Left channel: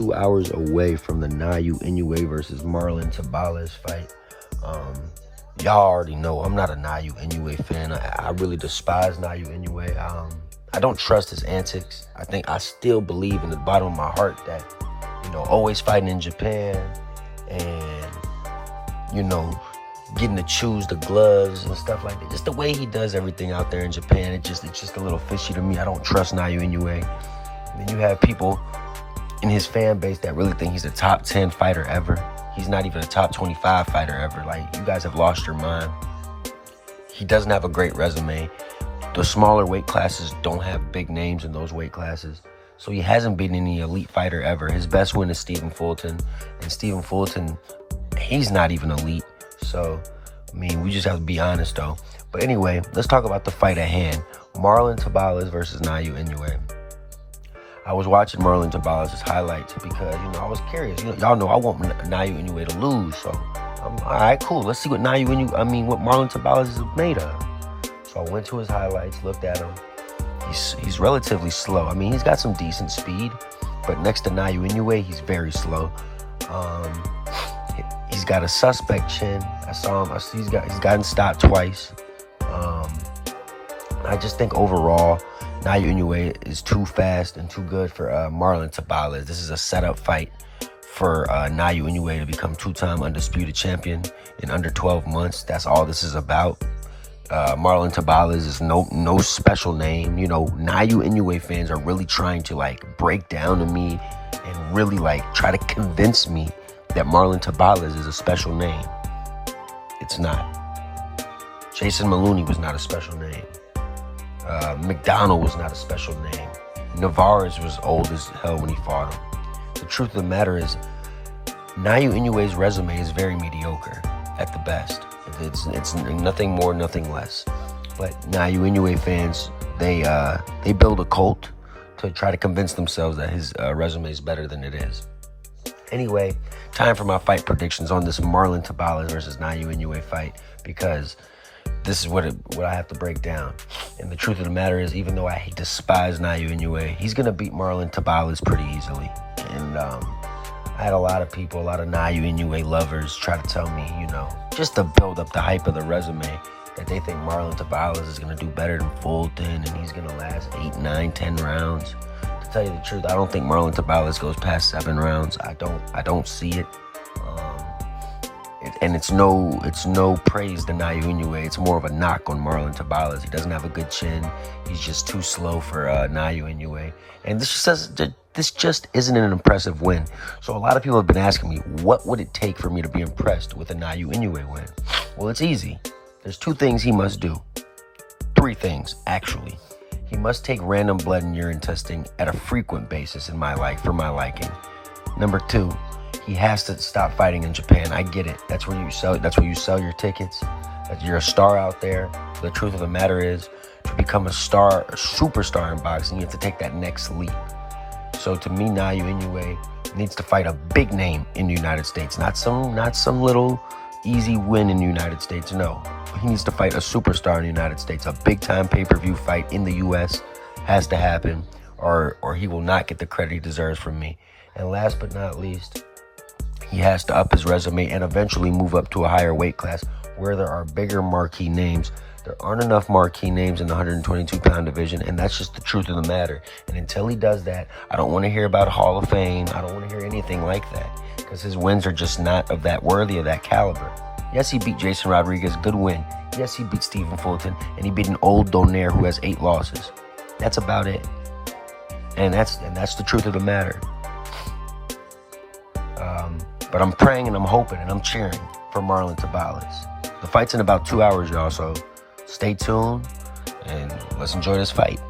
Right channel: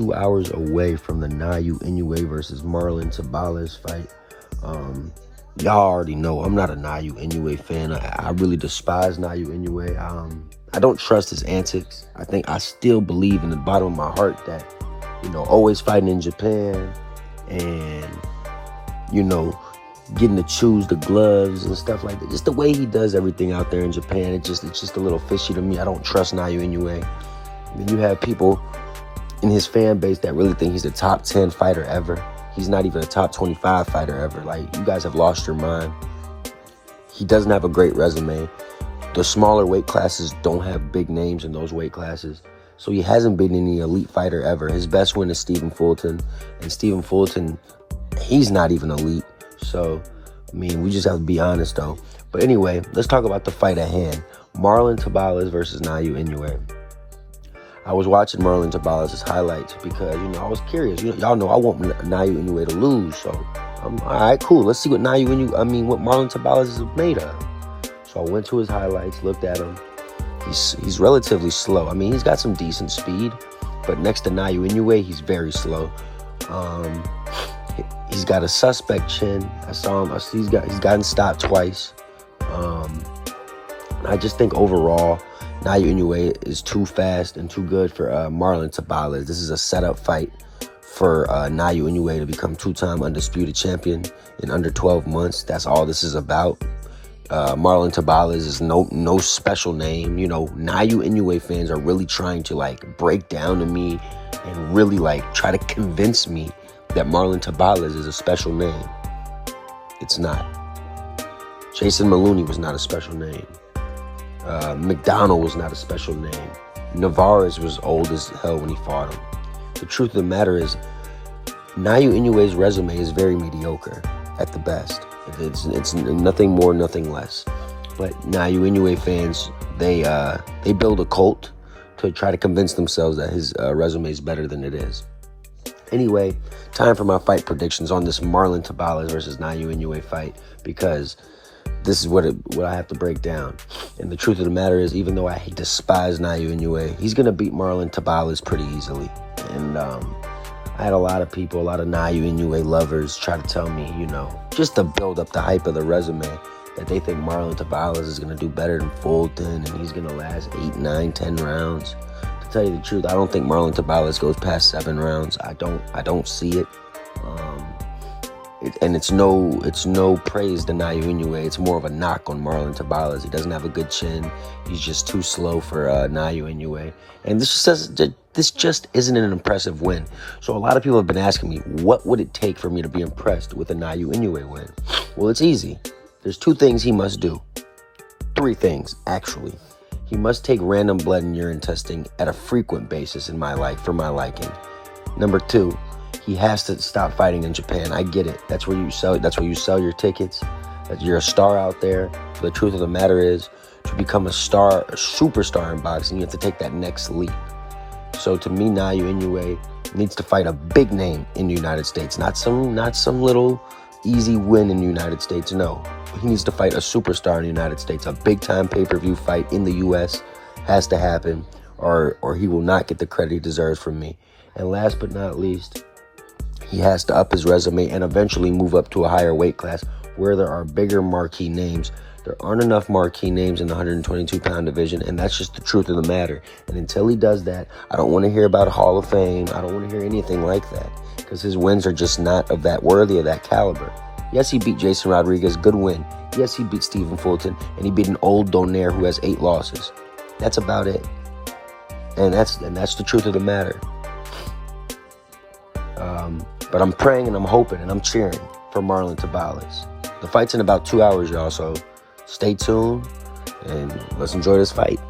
2 hours away from the Naoya Inoue versus Marlon Tabales fight. Y'all already know I'm not a Naoya Inoue fan. I really despise Naoya Inoue. I don't trust his antics. I still believe in the bottom of my heart that, always fighting in Japan and, getting to choose the gloves and stuff like that. Just the way he does everything out there in Japan, it's just a little fishy to me. I don't trust Naoya Inoue. And then you have people in his fan base that really think he's a top 10 fighter ever. He's not even a top 25 fighter ever. Like, you guys have lost your mind. He doesn't have a great resume. The smaller weight classes don't have big names in those weight classes. So he hasn't been any elite fighter ever. His best win is Stephen Fulton. And Stephen Fulton, he's not even elite. So, we just have to be honest, though. But anyway, let's talk about the fight at hand. Marlon Tabales versus Naoya Inoue. I was watching Marlon Tabales' highlights because, I was curious. Y'all know I want Naoya Inoue to lose. So, all right, cool. Let's see what what Marlon Tabales is made of. So I went to his highlights, looked at him. He's relatively slow. He's got some decent speed, but next to Naoya Inoue, he's very slow. He's got a suspect chin. I saw him. He's gotten stopped twice. I just think overall, Naoya Inoue is too fast and too good for Marlon Tabales. This is a setup fight for Naoya Inoue to become two-time undisputed champion in under 12 months. That's all this is about. Marlon Tabales is no special name. Naoya Inoue fans are really trying to break down to me and really try to convince me that Marlon Tabales is a special name. It's not. Jason Maloney was not a special name. McDonald was not a special name. Navarez was old as hell when he fought him. The truth of the matter is, Naoya Inoue's resume is very mediocre at the best. It's nothing more, nothing less. But Naoya Inoue fans, they build a cult to try to convince themselves that his resume is better than it is. Anyway, time for my fight predictions on this Marlon Tabales versus Naoya Inoue fight, because this is what I have to break down. And the truth of the matter is, even though I despise Naoya Inoue, he's going to beat Marlon Tabales pretty easily. And I had a lot of Naoya Inoue lovers try to tell me, just to build up the hype of the resume, that they think Marlon Tabales is going to do better than Fulton and he's going to last 8, 9, 10 rounds. To tell you the truth, I don't think Marlon Tabales goes past 7 rounds. I don't see it. And it's no praise to Naoya Inoue. It's more of a knock on Marlon Tabales. He doesn't have a good chin. He's just too slow for Naoya Inoue. And this just isn't an impressive win. So a lot of people have been asking me, what would it take for me to be impressed with a Naoya Inoue win? Well, it's easy. There's 2 things he must do. 3 things, actually. He must take random blood and urine testing at a frequent basis for my liking. Number 2, he has to stop fighting in Japan. I get it. That's where you sell your tickets. You're a star out there. The truth of the matter is, to become a superstar in boxing, you have to take that next leap. So to me, Naoya Inoue needs to fight a big name in the United States, not some little easy win in the United States. No, he needs to fight a superstar in the United States. A big-time pay-per-view fight in the U.S. has to happen, or he will not get the credit he deserves from me. And last but not least, he has to up his resume and eventually move up to a higher weight class where there are bigger marquee names. There aren't enough marquee names in the 122-pound division, and that's just the truth of the matter. And until he does that, I don't want to hear about a Hall of Fame. I don't want to hear anything like that, because his wins are just not of that worthy of that caliber. Yes, he beat Jason Rodriguez, good win. Yes, he beat Stephen Fulton, and he beat an old Donaire who has 8 losses. That's about it. And that's the truth of the matter. But I'm praying and I'm hoping and I'm cheering for Marlon Tabales. The fight's in about 2 hours, y'all, so stay tuned and let's enjoy this fight.